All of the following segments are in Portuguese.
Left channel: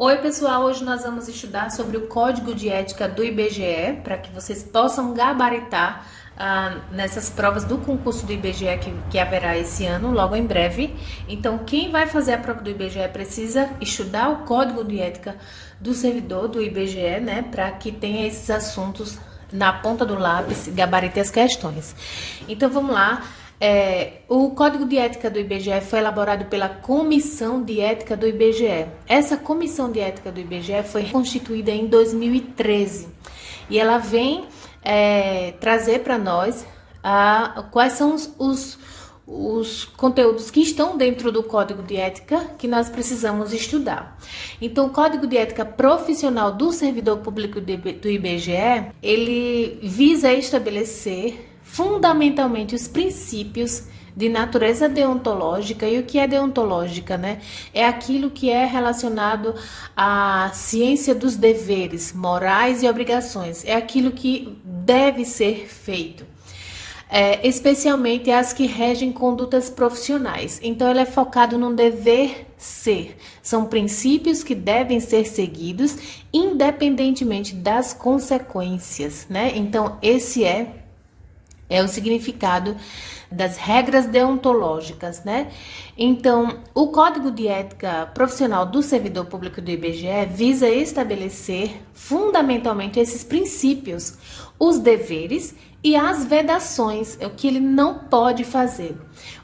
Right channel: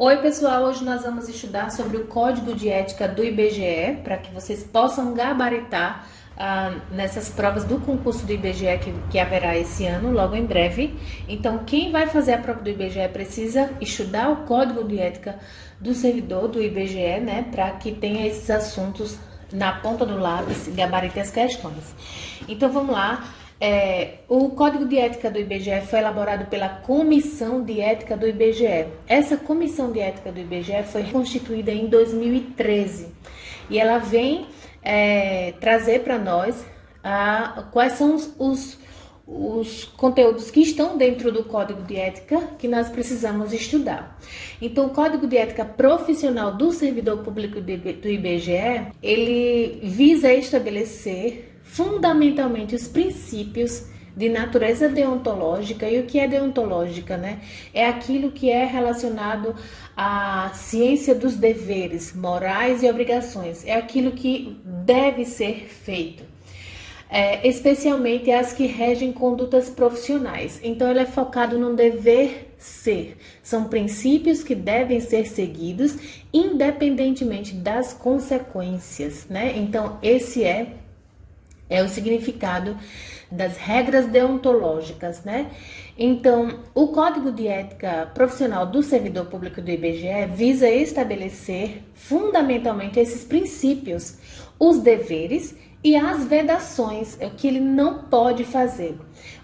Oi, pessoal! Hoje nós vamos estudar sobre o Código de Ética do IBGE, para que vocês possam gabaritar nessas provas do concurso do IBGE que haverá esse ano, logo em breve. Então, quem vai fazer a prova do IBGE precisa estudar o Código de Ética do servidor do IBGE, né, para que tenha esses assuntos na ponta do lápis e gabarite as questões. Então, vamos lá. O Código de Ética do IBGE foi elaborado pela Comissão de Ética do IBGE. Essa Comissão de Ética do IBGE foi constituída em 2013 e ela vem trazer para nós quais são os conteúdos que estão dentro do Código de Ética que nós precisamos estudar. Então, o Código de Ética Profissional do Servidor Público do IBGE, ele visa estabelecer fundamentalmente os princípios de natureza deontológica. E o que é deontológica, né? É aquilo que é relacionado à ciência dos deveres morais e obrigações. É aquilo que deve ser feito. Especialmente as que regem condutas profissionais. Então, ele é focado no dever ser. São princípios que devem ser seguidos independentemente das consequências, né? Então, esse é o significado das regras deontológicas, né? Então, o Código de Ética Profissional do Servidor Público do IBGE visa estabelecer fundamentalmente esses princípios, os deveres e as vedações, o que ele não pode fazer,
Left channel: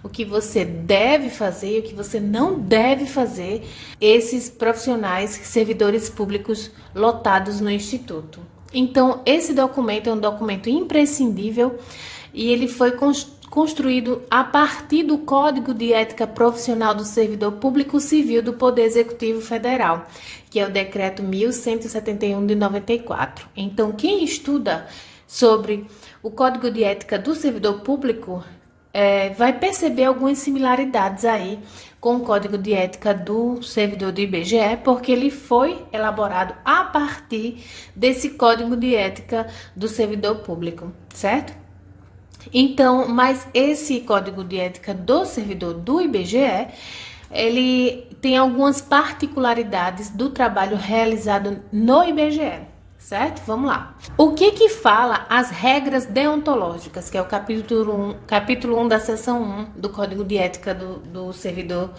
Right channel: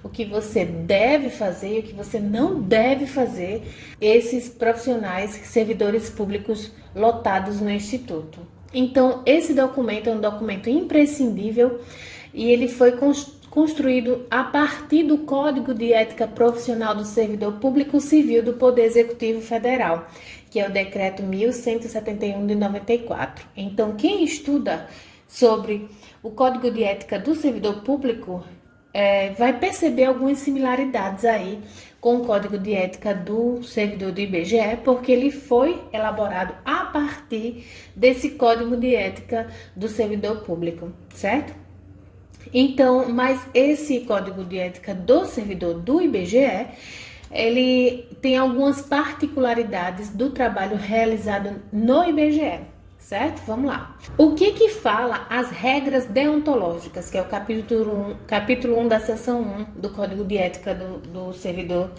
o que você deve fazer e o que você não deve fazer, esses profissionais, servidores públicos lotados no Instituto. Então, esse documento é um documento imprescindível e ele foi construído a partir do Código de Ética Profissional do Servidor Público Civil do Poder Executivo Federal, que é o Decreto 1171 de 94. Então, quem estuda sobre o Código de Ética do Servidor Público vai perceber algumas similaridades aí com o Código de Ética do Servidor do IBGE, porque ele foi elaborado a partir desse Código de Ética do Servidor Público, certo? Então, mas esse Código de Ética do Servidor do IBGE, ele tem algumas particularidades do trabalho realizado no IBGE, certo? Vamos lá. O que fala as regras deontológicas, que é o capítulo 1 da seção 1 do Código de Ética do Servidor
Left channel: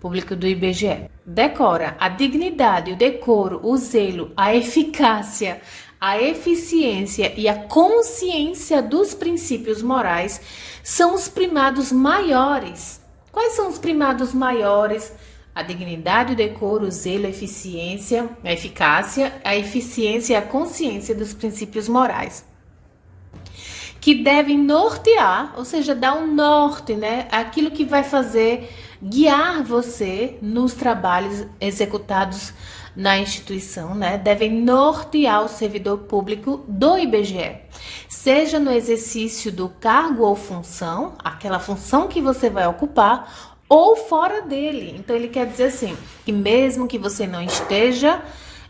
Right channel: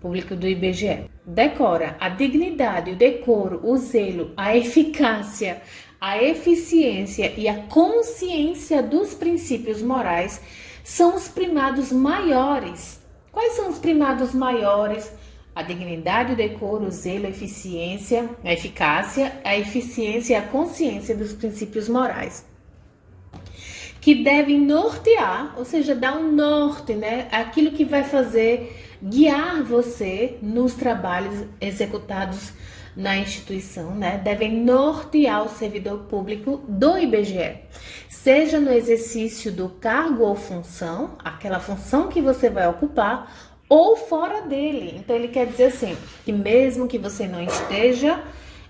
Público do IBGE? Decora: a dignidade, o decoro, o zelo, a eficácia, a eficiência e a consciência dos princípios morais são os primados maiores. Quais são os primados maiores? A dignidade, o decoro, o zelo, a eficiência, a eficácia, a eficiência e a consciência dos princípios morais, que devem nortear, ou seja, dar um norte, né? Aquilo que vai fazer guiar você nos trabalhos executados na instituição, né? Devem nortear o servidor público do IBGE, seja no exercício do cargo ou função, aquela função que você vai ocupar, ou fora dele. Então, ele quer dizer assim, que mesmo que você não esteja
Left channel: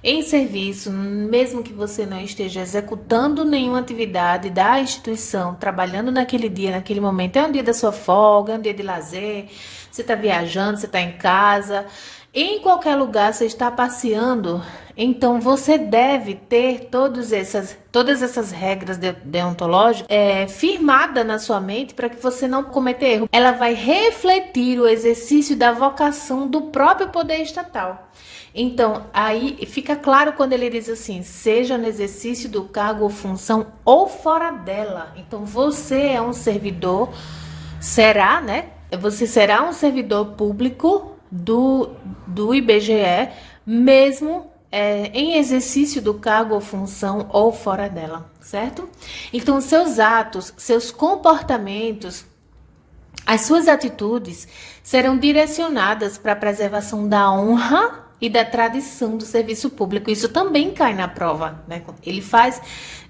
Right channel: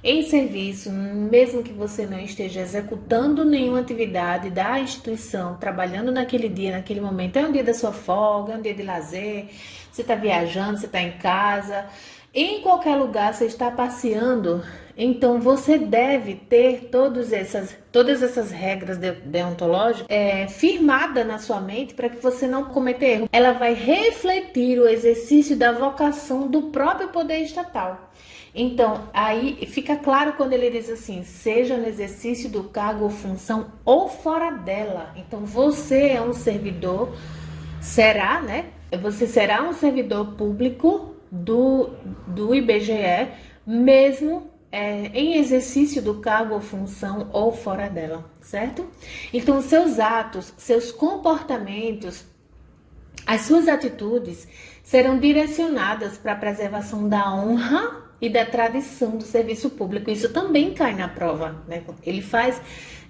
em serviço, mesmo que você não esteja executando nenhuma atividade da instituição, trabalhando naquele dia, naquele momento, é um dia da sua folga, é um dia de lazer, você está viajando, você está em casa, em qualquer lugar você está passeando, então você deve ter todas essas regras deontológicas firmadas na sua mente para que você não cometa erro. Ela vai refletir o exercício da vocação do próprio poder estatal. Então, aí fica claro quando ele diz assim, seja no exercício do cargo ou função ou fora dela. Então, você é um servidor, né? Você será um servidor público do IBGE, mesmo em exercício do cargo ou função ou fora dela, certo? Então, seus atos, seus comportamentos, as suas atitudes serão direcionadas para a preservação da honra e da tradição do serviço público. Isso também cai na prova, né?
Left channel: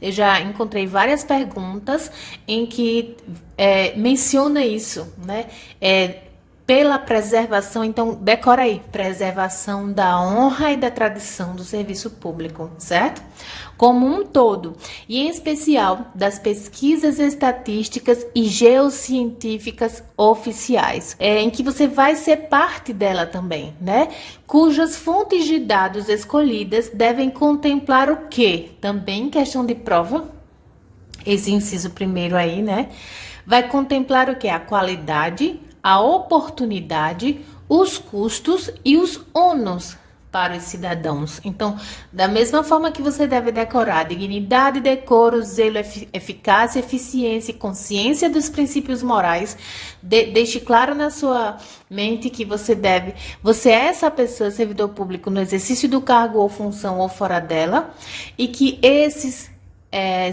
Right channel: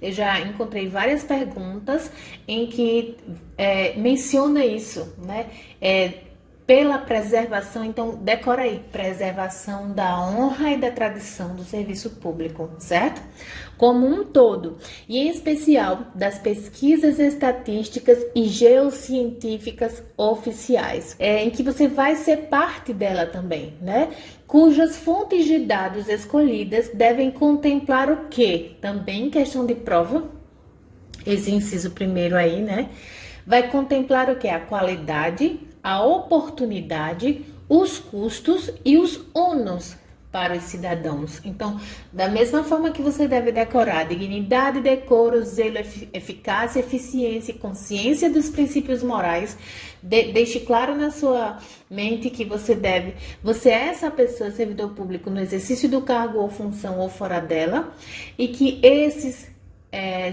Eu já encontrei várias perguntas em que menciona isso, né? pela preservação, então decora aí, preservação da honra e da tradição do serviço público, certo? Como um todo, e em especial das pesquisas estatísticas e geocientíficas oficiais, em que você vai ser parte dela também, né? Cujas fontes de dados escolhidas devem contemplar o quê? Também questão de prova, esse inciso primeiro aí, né? Vai contemplar o quê? A qualidade, a oportunidade, os custos e os ônus para os cidadãos. Então, da mesma forma que você deve decorar dignidade, decoro, zelo, eficácia, eficiência e consciência dos princípios morais, deixe claro na sua mente que você é essa pessoa, servidor público, no exercício do cargo ou função ou fora dela, e que esses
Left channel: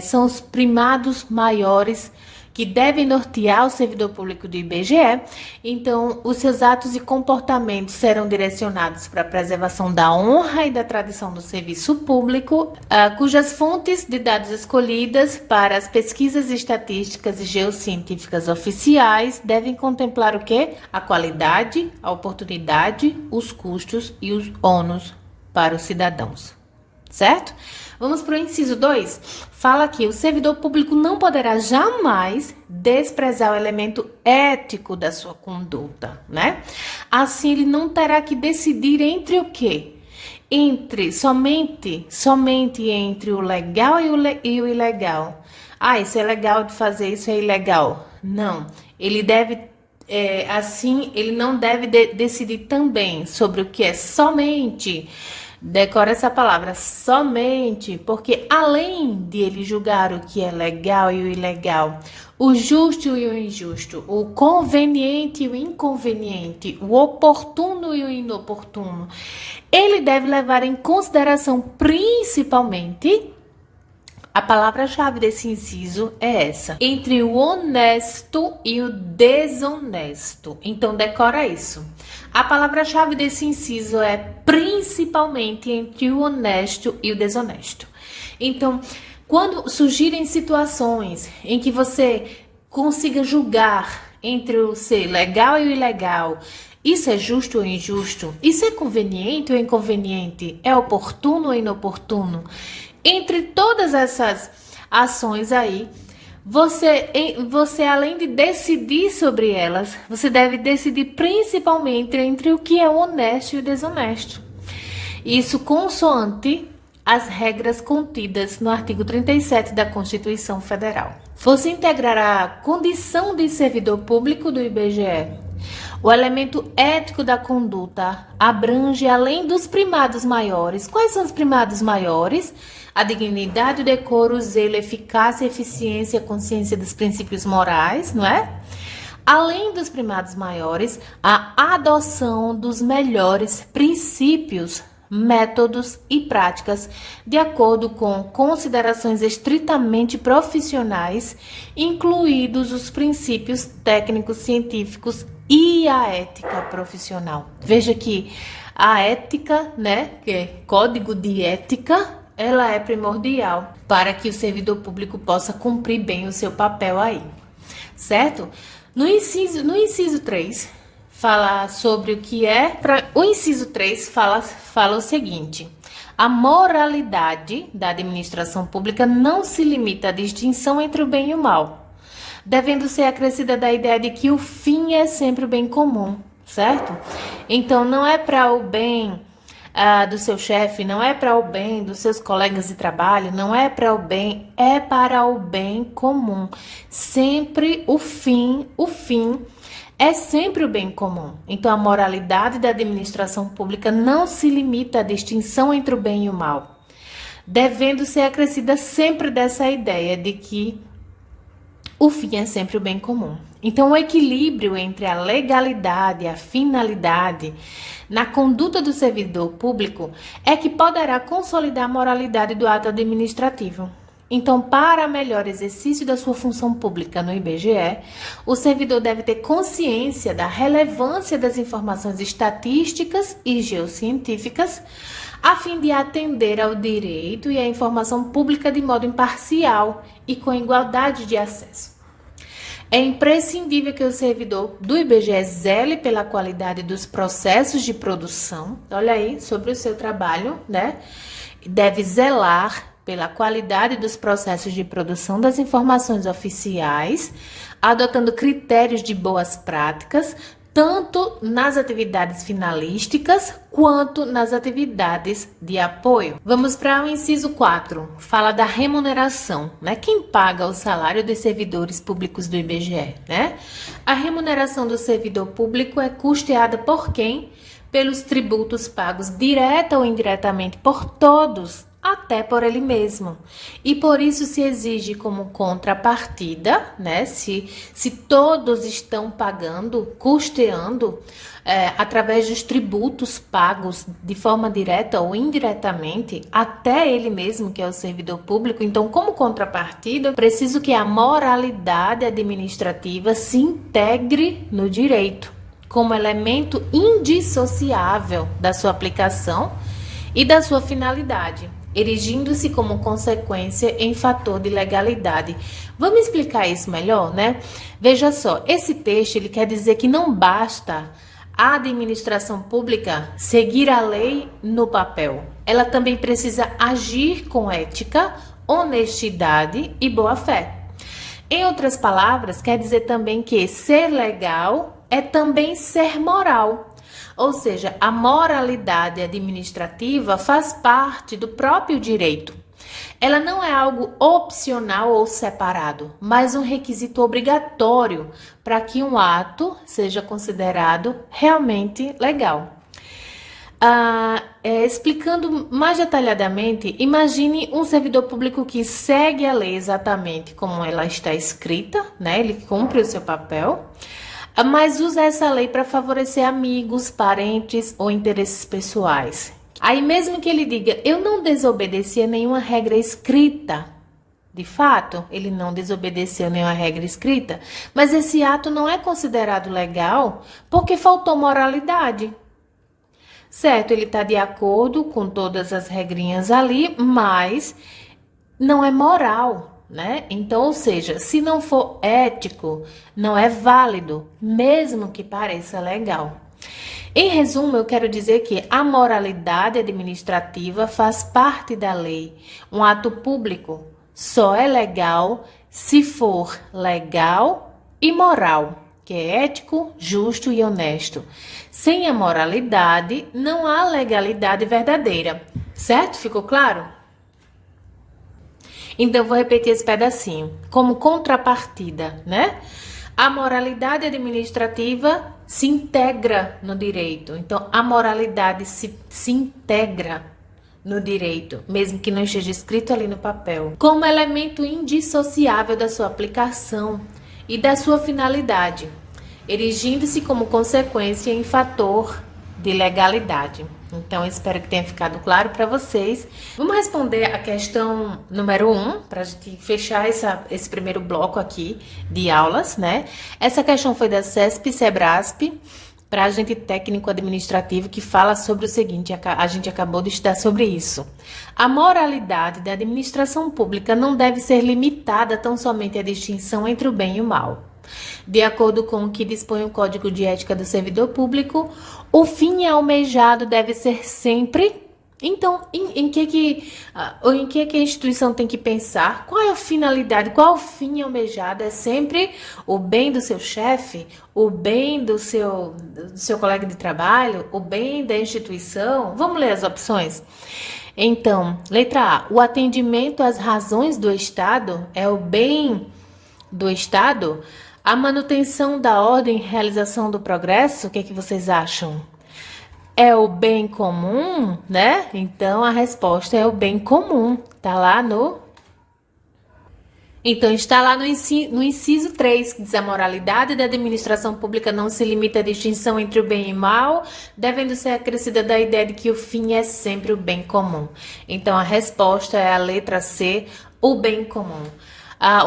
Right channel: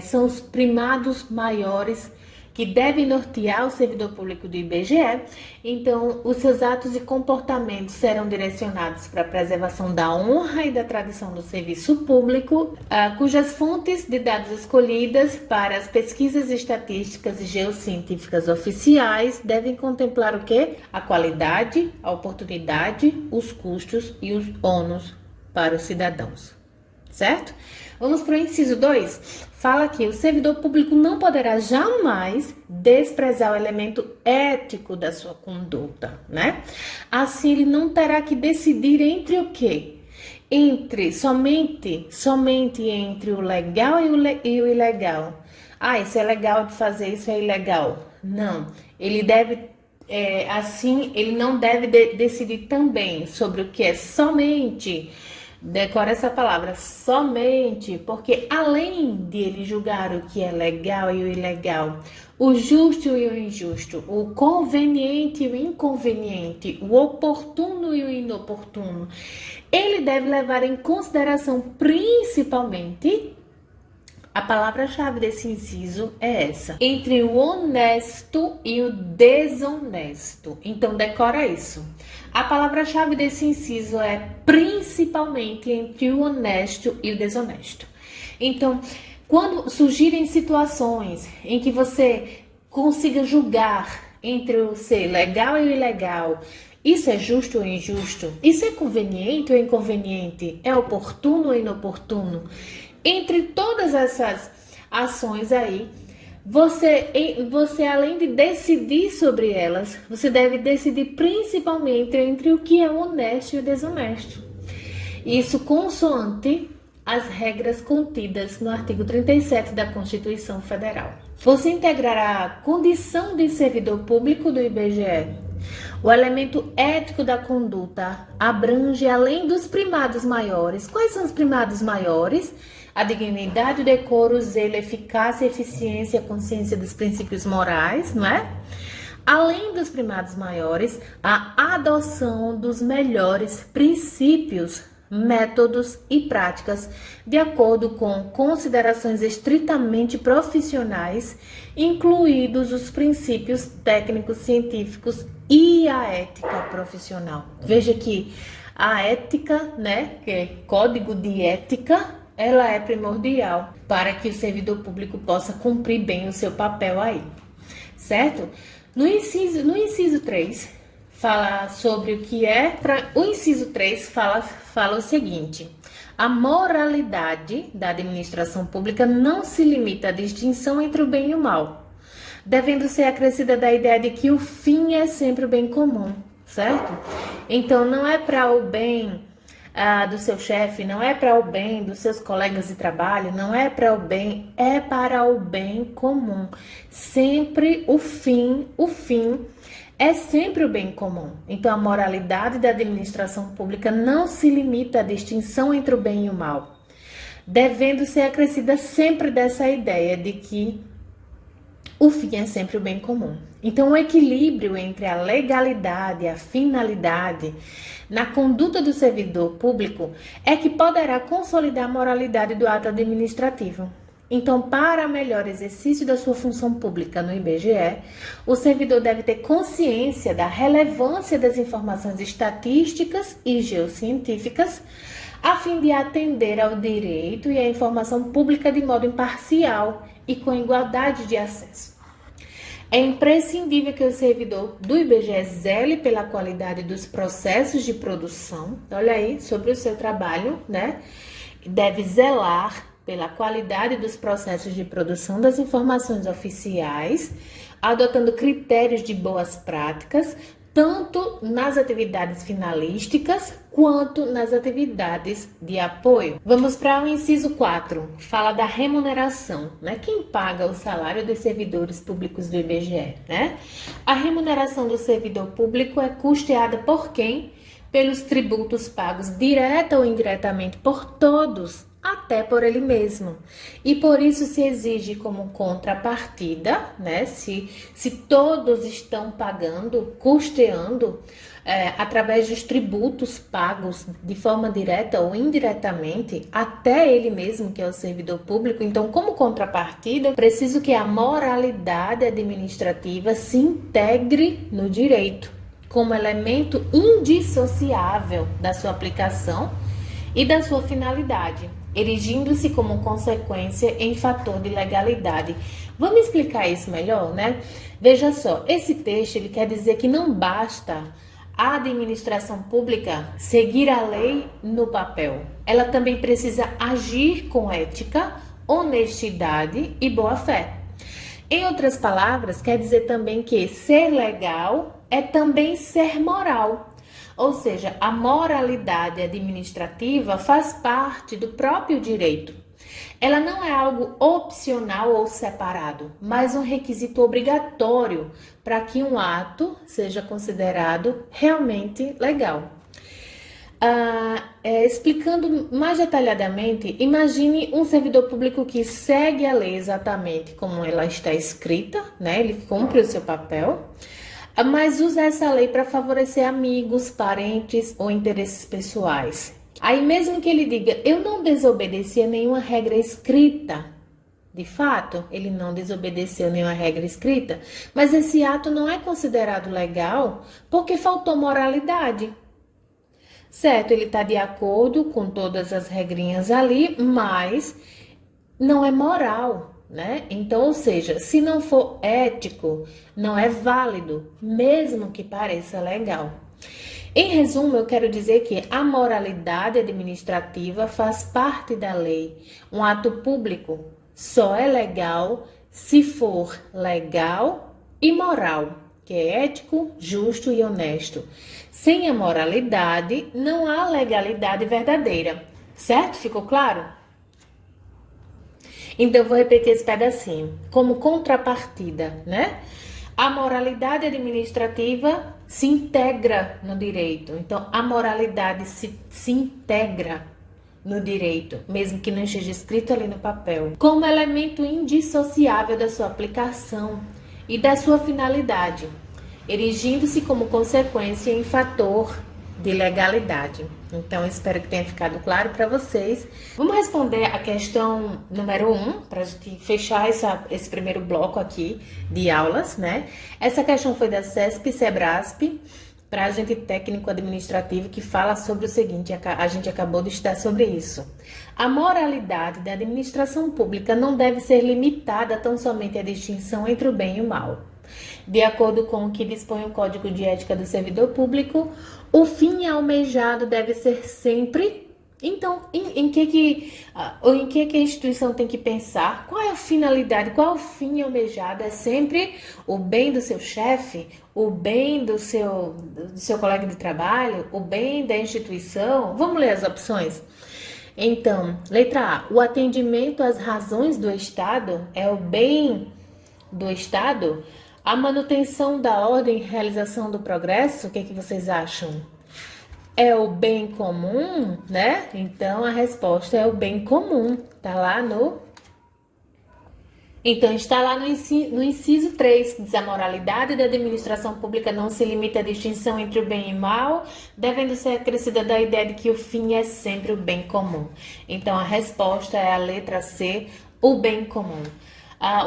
são os primados maiores que devem nortear o servidor público do IBGE. Então, os seus atos e comportamentos serão direcionados para a preservação da honra e da tradição do serviço público, cujas fontes de dados escolhidas para as pesquisas estatísticas e geocientíficas oficiais devem contemplar o quê? A qualidade, a oportunidade, os custos e os ônus para os cidadãos, certo? Vamos para o inciso 2. Fala que o servidor público não poderá jamais desprezar o elemento ético da sua conduta, né? Assim, ele não terá que decidir entre o quê? Somente entre o legal e o ilegal. Ah, isso é legal de fazer, isso é ilegal. Não, ele deve... ele não deve decidir também sobre o que é somente... Decora essa palavra, somente, porque além de ele julgar o que é legal e o ilegal, o justo e o injusto, o conveniente e o inconveniente, o oportuno e o inoportuno, ele deve levar em consideração principalmente, a palavra-chave desse inciso é essa, entre o honesto e o desonesto. Então, decora isso. A palavra-chave desse inciso é principalmente entre o honesto e o desonesto. Então, quando surgirem situações em que você consiga julgar entre o ser legal e o ilegal, isso é justo ou injusto? Isso é conveniente ou inconveniente? É oportuno ou inoportuno? Entre todas essas ações aí, você além de decidir sobre elas, você deve decidir principalmente entre o que é honesto e o desonesto. Isso consoante as regras contidas no artigo 37 da Constituição Federal. Você integrará a condição de servidor público do IBGE. O elemento ético da conduta abrange além dos primados maiores. Quais são os primados maiores? A dignidade, o decoro, o zelo, a eficácia, a eficiência, a consciência dos princípios morais, não é? Além dos primados maiores, a adoção dos melhores princípios, métodos e práticas, de acordo com considerações estritamente profissionais, incluídos os princípios técnicos, científicos e a ética profissional. Veja que a ética, né, que é código de ética, ela é primordial para que o servidor público possa cumprir bem o seu papel aí, certo? No inciso 3, fala sobre o que é... O inciso 3 fala o seguinte: a moralidade da administração pública não se limita à distinção entre o bem e o mal, devendo ser acrescida da ideia de que o fim é sempre o bem comum, certo? Então, não é para o bem do seu chefe, não é para o bem dos seus colegas de trabalho, não é para o bem, é para o bem comum. Sempre o fim é sempre o bem comum. Então, a moralidade da administração pública não se limita à distinção entre o bem e o mal, devendo ser acrescida sempre dessa ideia de que o fim é sempre o bem comum. Então, o equilíbrio entre a legalidade e a finalidade na conduta do servidor público é que poderá consolidar a moralidade do ato administrativo. Então, para melhor exercício da sua função pública no IBGE, o servidor deve ter consciência da relevância das informações estatísticas e geocientíficas, a fim de atender ao direito e à informação pública de modo imparcial e com igualdade de acesso. É imprescindível que o servidor do IBGE zele pela qualidade dos processos de produção. Olha aí, sobre o seu trabalho, né? Deve zelar pela qualidade dos processos de produção das informações oficiais, adotando critérios de boas práticas, tanto nas atividades finalísticas quanto nas atividades de apoio. Vamos para o inciso 4, fala da remuneração, né? Quem paga o salário dos servidores públicos do IBGE, né? A remuneração do servidor público é custeada por quem? Pelos tributos pagos direta ou indiretamente por todos, até por ele mesmo. E por isso se exige como contrapartida, né? Se todos estão pagando, custeando, através dos tributos pagos de forma direta ou indiretamente, até ele mesmo, que é o servidor público. Então, como contrapartida, preciso que a moralidade administrativa se integre no direito, como elemento indissociável da sua aplicação e da sua finalidade, erigindo-se como consequência em fator de legalidade. Vamos explicar isso melhor, né? Veja só, esse texto ele quer dizer que não basta a administração pública seguir a lei no papel. Ela também precisa agir com ética, honestidade e boa-fé. Em outras palavras, quer dizer também que ser legal é também ser moral. Ou seja, a moralidade administrativa faz parte do próprio direito. Ela não é algo opcional ou separado, mas um requisito obrigatório para que um ato seja considerado realmente legal. Explicando mais detalhadamente, imagine um servidor público que segue a lei exatamente como ela está escrita, né? Ele cumpre o seu papel, mas usa essa lei para favorecer amigos, parentes ou interesses pessoais. Aí mesmo que ele diga, eu não desobedeci a nenhuma regra escrita, de fato, ele não desobedeceu nenhuma regra escrita, mas esse ato não é considerado legal porque faltou moralidade. Certo, ele está de acordo com todas as regrinhas ali, mas não é moral, né? Então, ou seja, se não for ético, não é válido, mesmo que pareça legal. Em resumo, eu quero dizer que a moralidade administrativa faz parte da lei. Um ato público só é legal se for legal e moral, que é ético, justo e honesto. Sem a moralidade, não há legalidade verdadeira. Certo? Ficou claro? Então, vou repetir esse pedacinho. Como contrapartida, né? A moralidade administrativa se integra no direito. Então, a moralidade se integra no direito, mesmo que não esteja escrito ali no papel, como elemento indissociável da sua aplicação e da sua finalidade, erigindo-se como consequência em fator de legalidade. Então, espero que tenha ficado claro para vocês. Vamos responder a questão número 1, para a gente fechar esse primeiro bloco aqui de aulas, né? Essa questão foi da CESP-SEBRASP, para agente técnico administrativo, que fala sobre o seguinte, a gente acabou de estudar sobre isso. A moralidade da administração pública não deve ser limitada tão somente à distinção entre o bem e o mal. De acordo com o que dispõe o Código de Ética do Servidor Público, o fim almejado deve ser sempre... Então, em que a instituição tem que pensar? Qual é a finalidade? Qual é o fim almejado? É sempre o bem do seu chefe, o bem do seu colega de trabalho, o bem da instituição? Vamos ler as opções? Então, letra A, o atendimento às razões do Estado é o bem do Estado? A manutenção da ordem e realização do progresso, o que é que vocês acham? É o bem comum, né? Então, a resposta é o bem comum. Tá lá no... Então, está lá no inciso 3, que diz a moralidade da administração pública não se limita à distinção entre o bem e o mal, devendo ser acrescida da ideia de que o fim é sempre o bem comum. Então, a resposta é a letra C, o bem comum.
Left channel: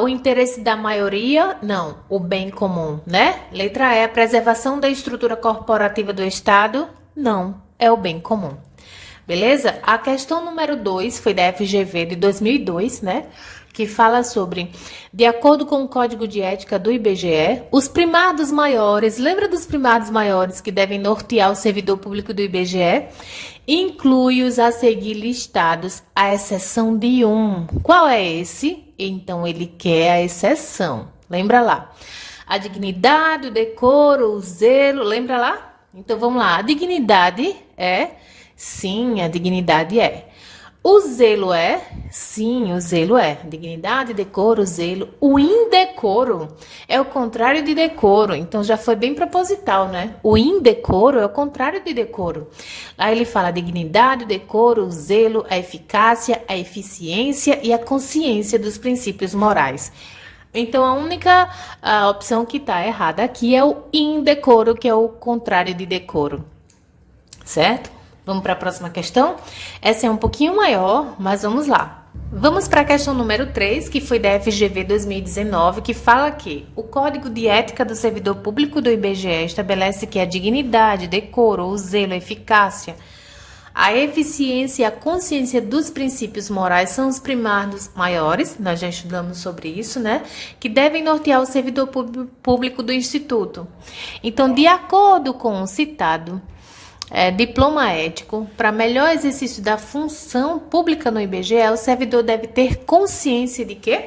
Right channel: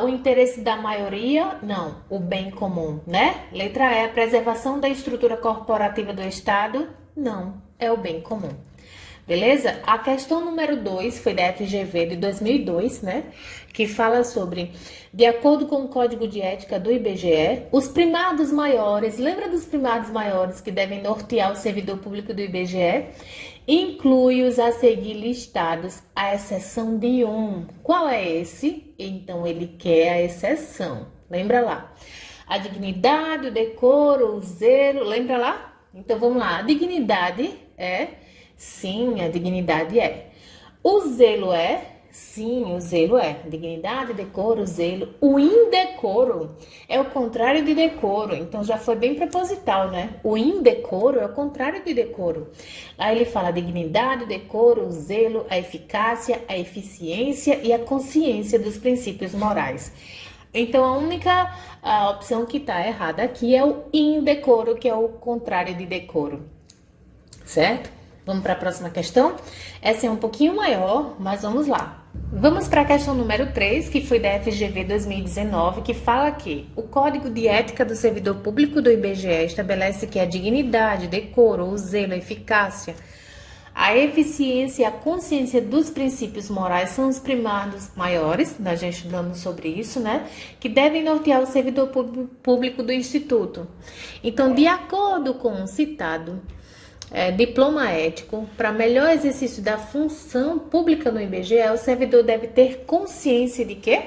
O interesse da maioria, não, o bem comum, né? Letra E, a preservação da estrutura corporativa do Estado, não, é o bem comum. Beleza? A questão número 2 foi da FGV de 2002, né? que fala sobre, de acordo com o Código de Ética do IBGE, os primados maiores, lembra dos primados maiores que devem nortear o servidor público do IBGE? Inclui os a seguir listados, à exceção de um. Qual é esse? Então, ele quer a exceção. Lembra lá. A dignidade, o decoro, o zelo, lembra lá? Então, vamos lá. A dignidade é? Sim, a dignidade é. O zelo é? Sim, o zelo é. Dignidade, decoro, zelo. O indecoro é o contrário de decoro. Então, já foi bem proposital, né? O indecoro é o contrário de decoro. Aí ele fala dignidade, decoro, o zelo, a eficácia, a eficiência e a consciência dos princípios morais. Então, a única opção que está errada aqui é o indecoro, que é o contrário de decoro. Certo? Vamos para a próxima questão? Essa é um pouquinho maior, mas vamos lá. Vamos para a questão número 3, que foi da FGV 2019, que fala que o Código de Ética do Servidor Público do IBGE estabelece que a dignidade, decoro, o zelo, a eficácia, a eficiência e a consciência dos princípios morais são os primados maiores, nós já estudamos sobre isso, né? Que devem nortear o servidor público do Instituto. Então, de acordo com o citado, diploma ético, para melhor exercício da função pública no IBGE, o servidor deve ter consciência de quê?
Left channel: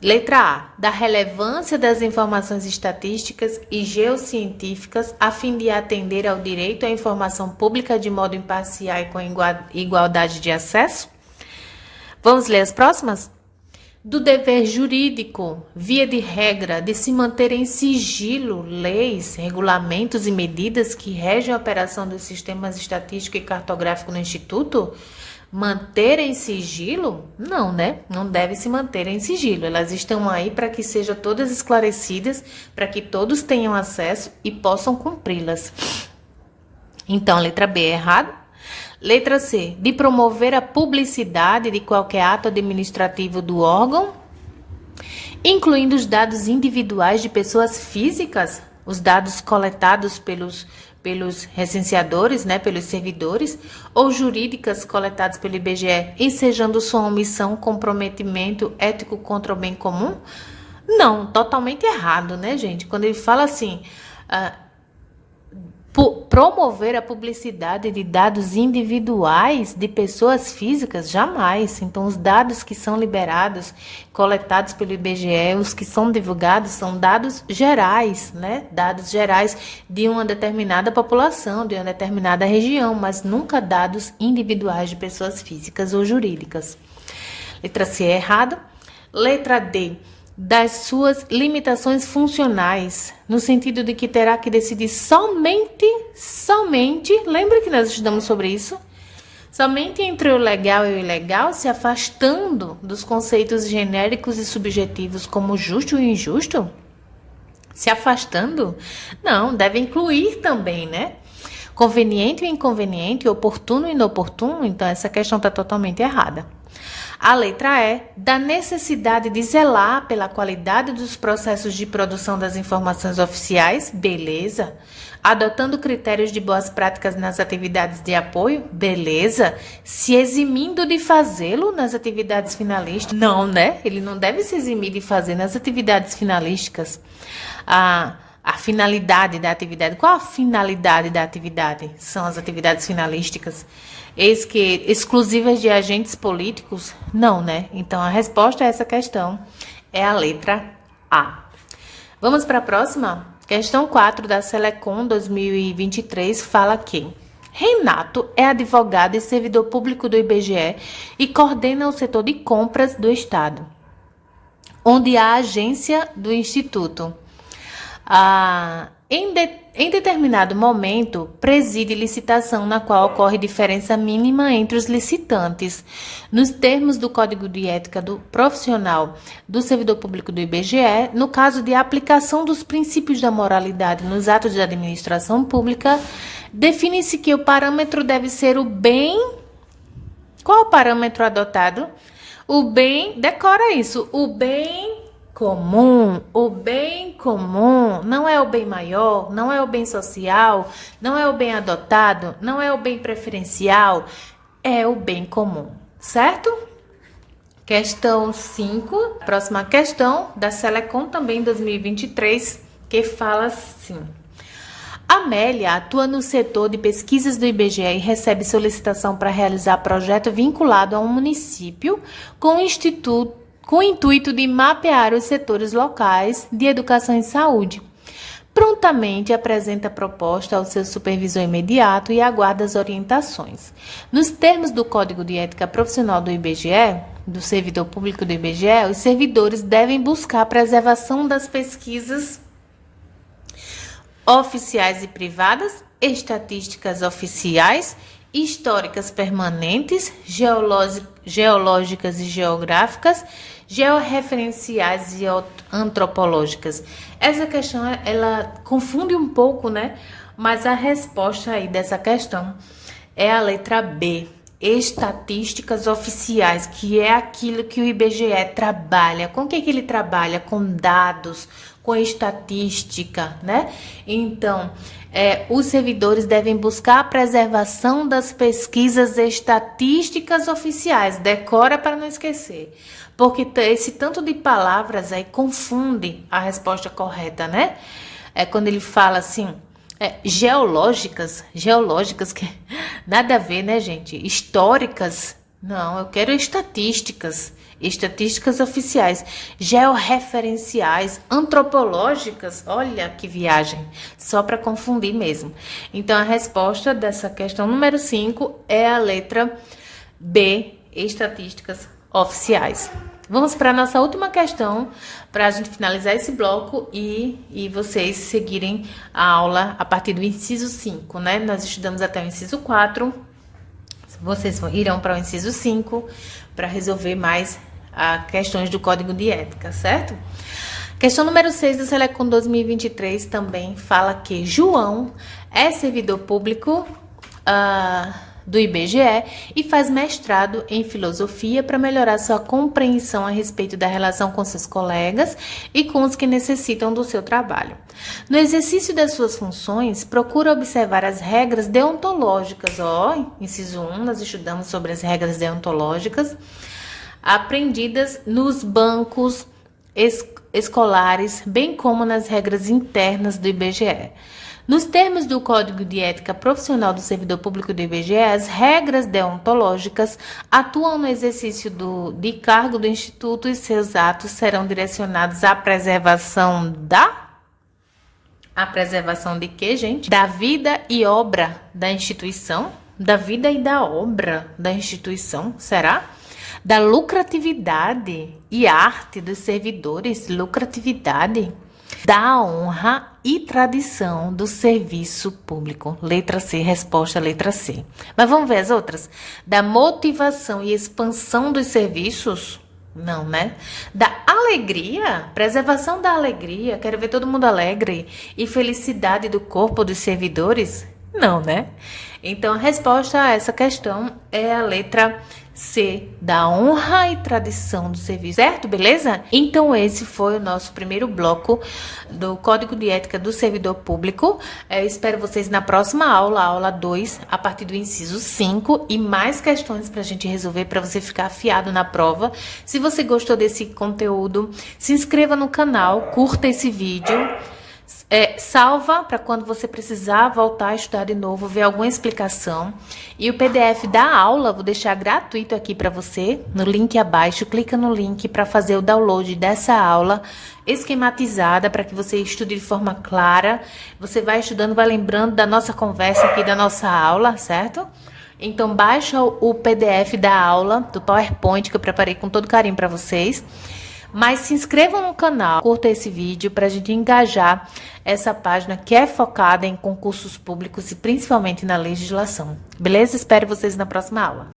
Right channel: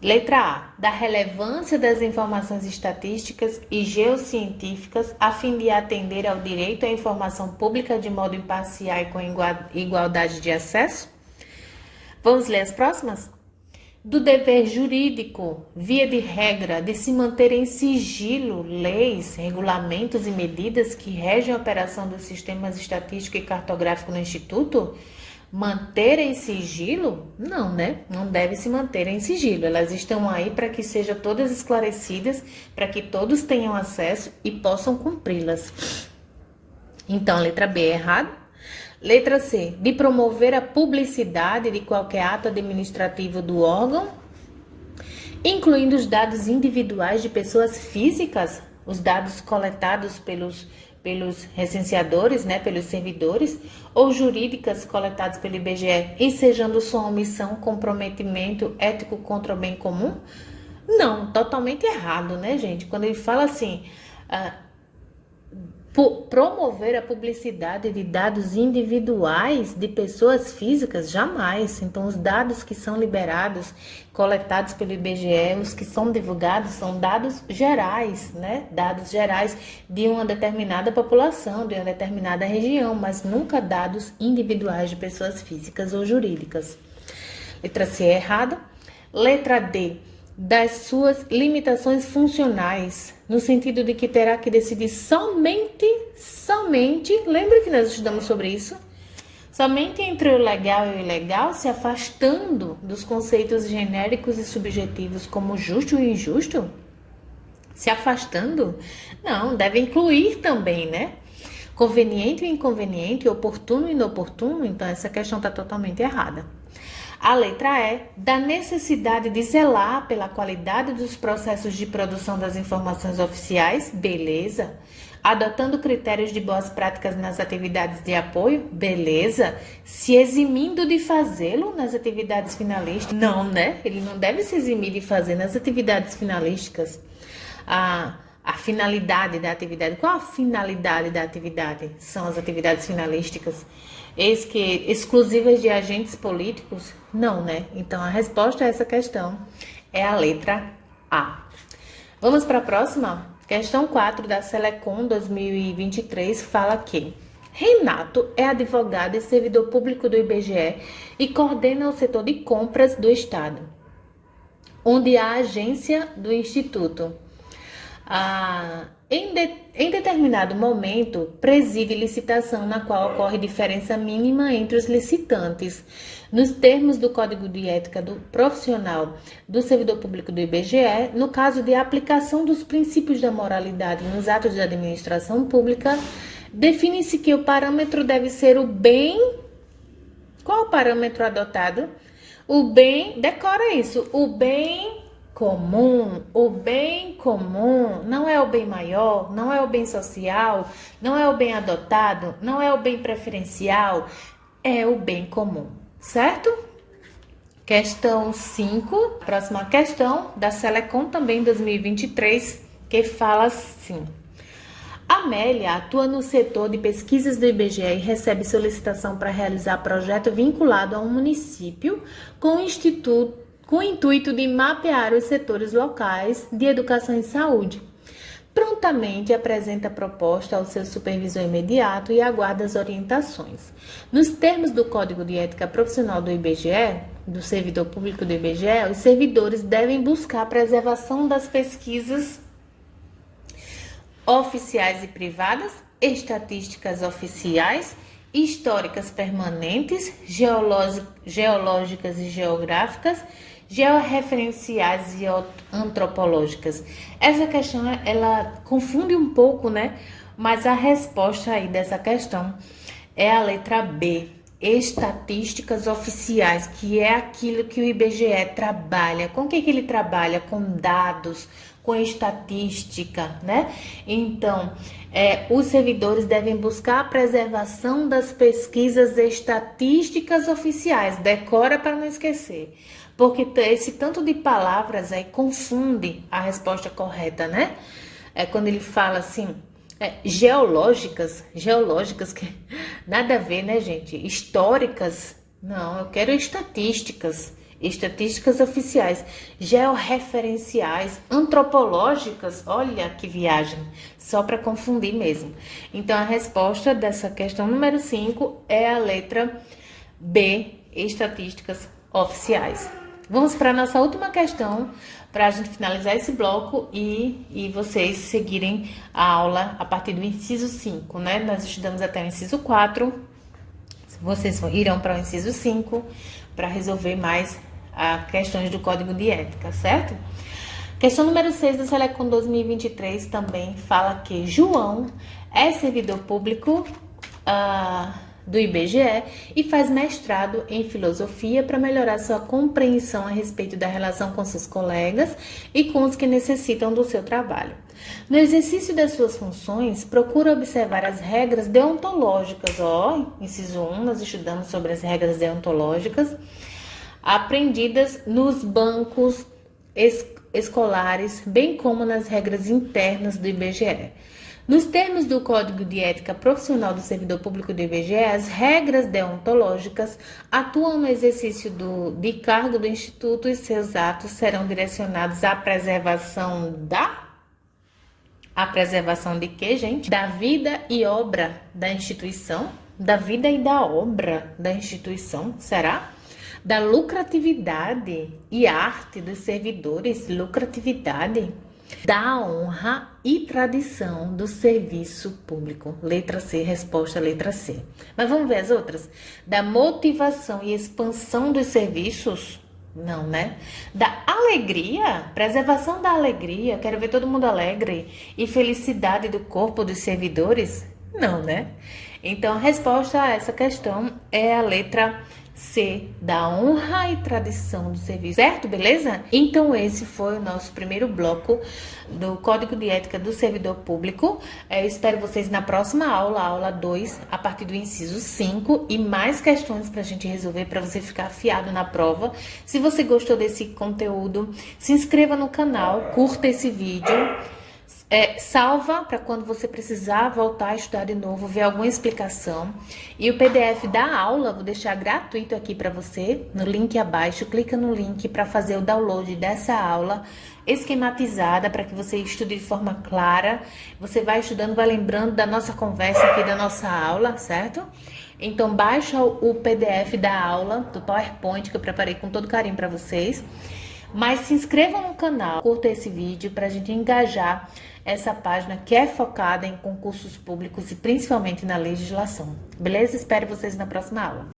Letra A, da relevância das informações estatísticas e geocientíficas a fim de atender ao direito à informação pública de modo imparcial e com igualdade de acesso. Vamos ler as próximas? Do dever jurídico, via de regra, de se manter em sigilo leis, regulamentos e medidas que regem a operação dos sistemas estatístico e cartográfico no Instituto? Manter em sigilo? Não, né? Não deve se manter em sigilo. Elas estão aí para que sejam todas esclarecidas, para que todos tenham acesso e possam cumpri-las. Então, letra B é errado. Letra C, de promover a publicidade de qualquer ato administrativo do órgão, incluindo os dados individuais de pessoas físicas, os dados coletados pelos recenseadores, né, pelos servidores, ou jurídicas coletados pelo IBGE, ensejando sua omissão, comprometimento ético contra o bem comum? Não, totalmente errado, né, gente? Quando ele fala assim, promover a publicidade de dados individuais de pessoas físicas, jamais. Então, os dados que são liberados, coletados pelo IBGE, os que são divulgados, são dados gerais, né? Dados gerais de uma determinada população, de uma determinada região, mas nunca dados individuais de pessoas físicas ou jurídicas. Letra C é errado. Letra D, das suas limitações funcionais, no sentido de que terá que decidir somente, lembra que nós estudamos sobre isso? Somente entre o legal e o ilegal, se afastando dos conceitos genéricos e subjetivos como justo e injusto? Se afastando? Não, deve incluir também, né? Conveniente e inconveniente, oportuno e inoportuno, então essa questão está totalmente errada. A letra E, da necessidade de zelar pela qualidade dos processos de produção das informações oficiais, beleza. Adotando critérios de boas práticas nas atividades de apoio, beleza. Se eximindo de fazê-lo nas atividades finalísticas, não, né? Ele não deve se eximir de fazer nas atividades finalísticas. A finalidade da atividade. Qual a finalidade da atividade? São as atividades finalísticas. Eis que exclusivas de agentes políticos? Não, né? Então, a resposta a essa questão é a letra A. Vamos para a próxima? Questão 4 da Selecom 2023 fala que Renato é advogado e servidor público do IBGE e coordena o setor de compras do Estado, onde há agência do Instituto. Em determinado momento, preside licitação na qual ocorre diferença mínima entre os licitantes. Nos termos do Código de Ética do Profissional do Servidor Público do IBGE, no caso de aplicação dos princípios da moralidade nos atos de administração pública, define-se que o parâmetro deve ser o bem... Qual é o parâmetro adotado? O bem... Decora isso. O bem... o bem comum não é o bem maior, não é o bem social, não é o bem adotado, não é o bem preferencial, é o bem comum, certo? Questão 5, próxima questão da Selecom também 2023, que fala assim: Amélia atua no setor de pesquisas do IBGE e recebe solicitação para realizar projeto vinculado a um município com o intuito de mapear os setores locais de educação e saúde. Prontamente apresenta a proposta ao seu supervisor imediato e aguarda as orientações. Nos termos do Código de Ética Profissional do IBGE, do servidor público do IBGE, os servidores devem buscar a preservação das pesquisas oficiais e privadas, estatísticas oficiais, históricas permanentes, geológicas e geográficas, georreferenciais e antropológicas. Essa questão, ela confunde um pouco, né? Mas a resposta aí dessa questão é a letra B, estatísticas oficiais, que é aquilo que o IBGE trabalha. Com o que ele trabalha? Com dados, com estatística, né? Então, os servidores devem buscar a preservação das pesquisas estatísticas oficiais. Decora para não esquecer. Porque esse tanto de palavras aí confunde a resposta correta, né? Quando ele fala assim, geológicas, que nada a ver, né, gente? Históricas, não, eu quero estatísticas oficiais, georreferenciais, antropológicas, olha que viagem, só para confundir mesmo. Então, a resposta dessa questão número 5 é a letra B, estatísticas oficiais. Vamos para a nossa última questão, para a gente finalizar esse bloco e vocês seguirem a aula a partir do inciso 5, né? Nós estudamos até o inciso 4, vocês irão para o inciso 5 para resolver mais questões do Código de Ética, certo? Questão número 6 do Selecom 2023 também fala que João é servidor público do IBGE e faz mestrado em filosofia para melhorar sua compreensão a respeito da relação com seus colegas e com os que necessitam do seu trabalho. No exercício das suas funções, procura observar as regras deontológicas. Inciso 1, nós estudamos sobre as regras deontológicas aprendidas nos bancos escolares, bem como nas regras internas do IBGE. Nos termos do Código de Ética Profissional do Servidor Público do IBGE, as regras deontológicas atuam no exercício de cargo do Instituto e seus atos serão direcionados à preservação A preservação de quê, gente? Da vida e obra da instituição? Da vida e da obra da instituição, será? Da lucratividade e arte dos servidores, lucratividade, da honra e tradição do serviço público. Letra C, resposta letra C. Mas vamos ver as outras? Da motivação e expansão dos serviços? Não, né? Da alegria, preservação da alegria, quero ver todo mundo alegre, e felicidade do corpo dos servidores? Não, né? Então, a resposta a essa questão é a letra C, da honra e tradição do serviço, certo? Beleza? Então, esse foi o nosso primeiro bloco do Código de Ética do Servidor Público. Eu espero vocês na próxima aula, aula 2, a partir do inciso 5, e mais questões pra gente resolver, pra você ficar afiado na prova. Se você gostou desse conteúdo, se inscreva no canal, curta esse vídeo. Salva para quando você precisar voltar a estudar de novo, ver alguma explicação. E o PDF da aula, vou deixar gratuito aqui para você, no link abaixo. Clica no link para fazer o download dessa aula esquematizada, para que você estude de forma clara. Você vai estudando, vai lembrando da nossa conversa aqui, da nossa aula, certo? Então, baixa o PDF da aula, do PowerPoint, que eu preparei com todo carinho para vocês. Mas se inscrevam no canal, curta esse vídeo para a gente engajar essa página que é focada em concursos públicos e principalmente na legislação. Beleza? Espero vocês na próxima aula.